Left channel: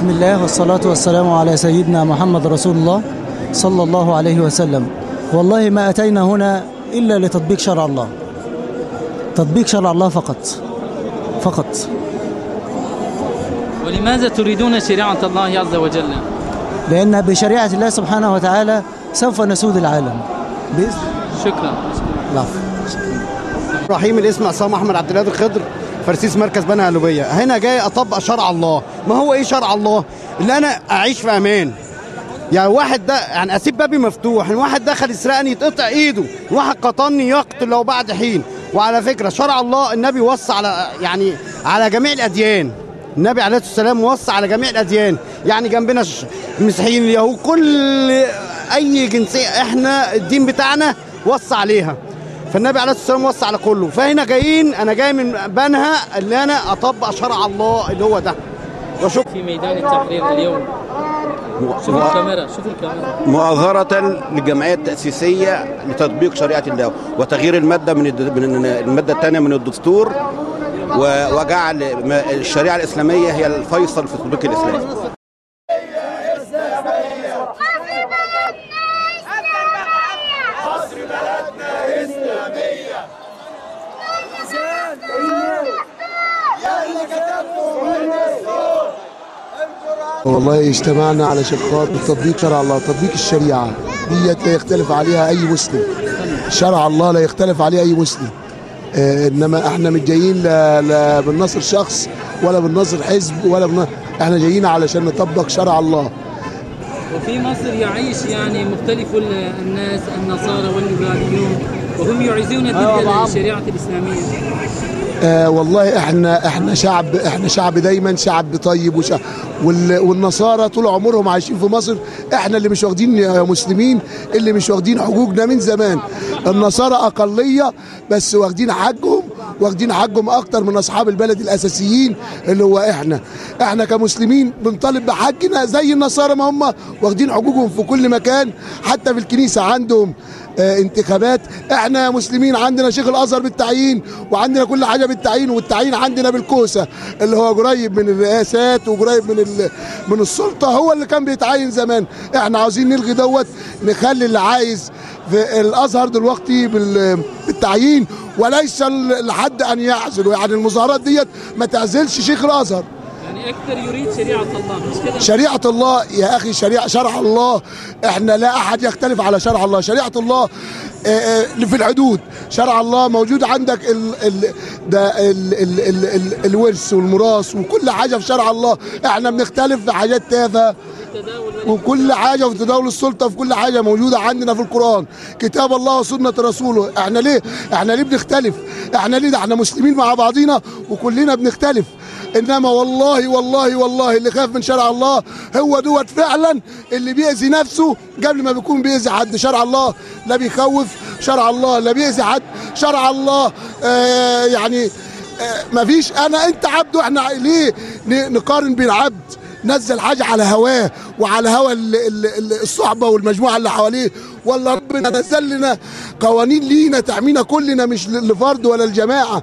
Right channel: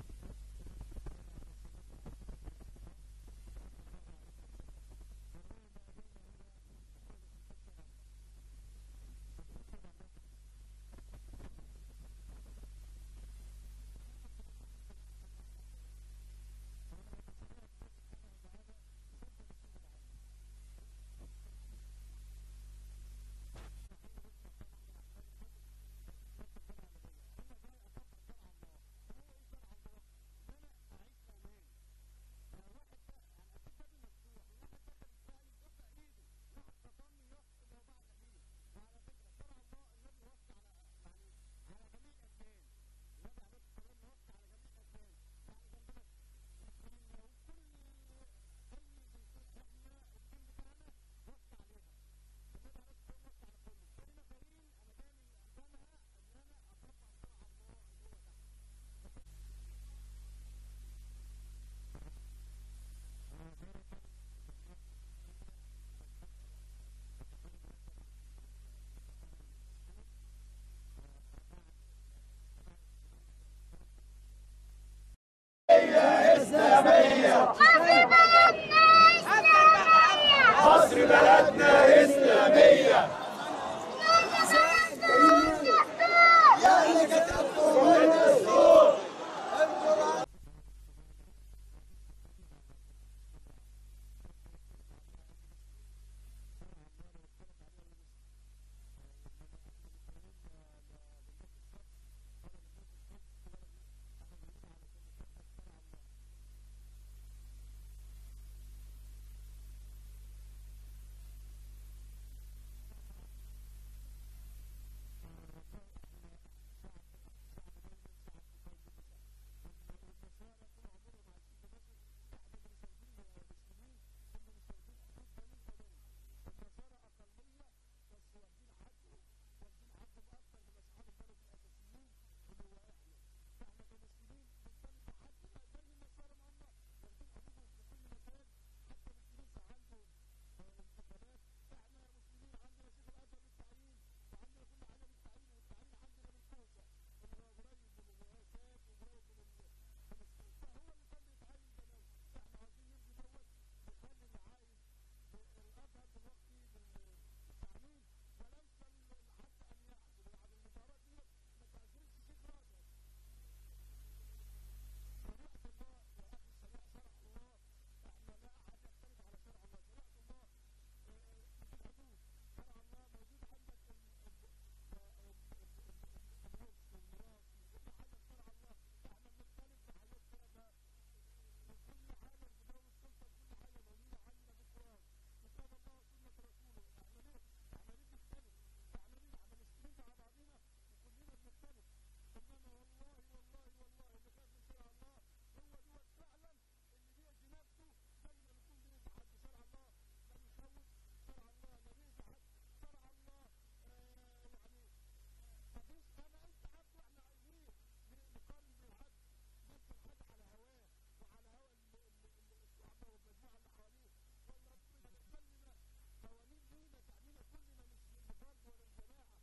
بسم الله والصلاة والسلام على سيدنا محمد رسول الله صلى الله عليه وسلم. والله ما أتينا هنا إلا لتطبيق شرع الله، تطبيق شرع الله فقط. ولماذا تريدون شريعة الله عز وجل؟ لأن بشريعة الله سبحانه وتعالى سوف نسود العالم بإذن. شكرا. العفو. رحيم. الاسم عصام احمد عبد القادر خضر، فرسيس مركز بنها قلوبيه. هنا جاي اطبق شرع الله. ما هو ايه شرع الله؟ اللي انا اعيش في امان. يعني واحد ده يعني اسيب بابي مفتوح، واحد دخل يسرقني يتقطع ايده، واحد قطعني يقتل لو بعد حين. وعلى فكره شرع الله النبي وصى على جميع الاديان. النبي عليه الصلاه والسلام وصى على جميع الاديان، يعني جنبنا المسيحيين اليهود كل اي جنسيه احنا الدين بتاعنا وصى عليها. فالنبي عليه الصلاه والسلام وصى على كله. فهنا انا جاي من بنها اللي انا اطبق شرع الله اللي هو ده. وشوف في ميدان التحرير اليوم. شوف الكاميرا. مؤازرة للجمعية التأسيسية لتطبيق شريعة الله وتغيير المادة من المادة الثانية من الدستور، وجعل الشريعة الإسلامية هي الفيصل في تطبيق الإسلام. مصر بلدنا إسلامية. والله اجتمعنا علشان خاطر تطبيق شرع الله، تطبيق الشريعة ديت لا يختلف عليها أي مسلم. شرع الله لا يختلف عليه أي مسلم. إنما احنا مش جايين لا بالنصر شخص ولا بالنصر حزب احنا جايين علشان نطبق شرع الله. وفي مصر يعيش يعني مختلف الناس، النصارى والليبراليون، وهم يعيزون ضد الشريعة الإسلامية. والله احنا شعب دايما شعب طيب والنصارى طول عمرهم عايشين في مصر. احنا اللي مش واخدين يا مسلمين، اللي مش واخدين حقوقنا من زمان. النصارى اقليه بس واخدين حقهم اكتر من اصحاب البلد الاساسيين اللي هو احنا كمسلمين بنطالب بحقنا زي النصارى ما هم واخدين حقوقهم في كل مكان. حتى في الكنيسه عندهم انتخابات. احنا مسلمين عندنا شيخ الازهر بالتعيين، وعندنا كل حاجه بالتعيين، والتعيين عندنا بالكوسه اللي هو قريب من الرئاسات وقريب من السلطه، هو اللي كان بيتعين زمان. احنا عاوزين نلغي دوت، نخلي اللي عايز في الازهر دلوقتي بالتعيين وليس لحد ان يعزل. يعني المظاهرات ديت ما تعزلش شيخ الازهر. يعني أكثر يريد شريعة الله، مش كده؟ شريعة الله يا أخي، شرع الله. إحنا لا أحد يختلف على شرع الله. شريعة الله في الحدود. شرع الله موجود عندك الورث والميراث وكل حاجة في شرع الله. إحنا بنختلف في حاجات تافهة وكل حاجة في تداول السلطة، في كل حاجة موجودة عندنا في القرآن، كتاب الله وسنة رسوله. إحنا ليه بنختلف؟ ده إحنا مسلمين مع بعضينا وكلنا بنختلف. انما والله اللي خاف من شرع الله هو دوت فعلا اللي بيأذي نفسه قبل ما بيكون بيأذي حد. شرع الله لا بيخوف، شرع الله لا بيأذي حد، شرع الله ما فيش انت عبد. واحنا ليه نقارن بين عبد نزل حاجه على هواه وعلى هوى الصحبه والمجموعه اللي حواليه، ولا ربنا نزل لنا قوانين لينا تعمينا كلنا مش لفرد ولا الجماعه.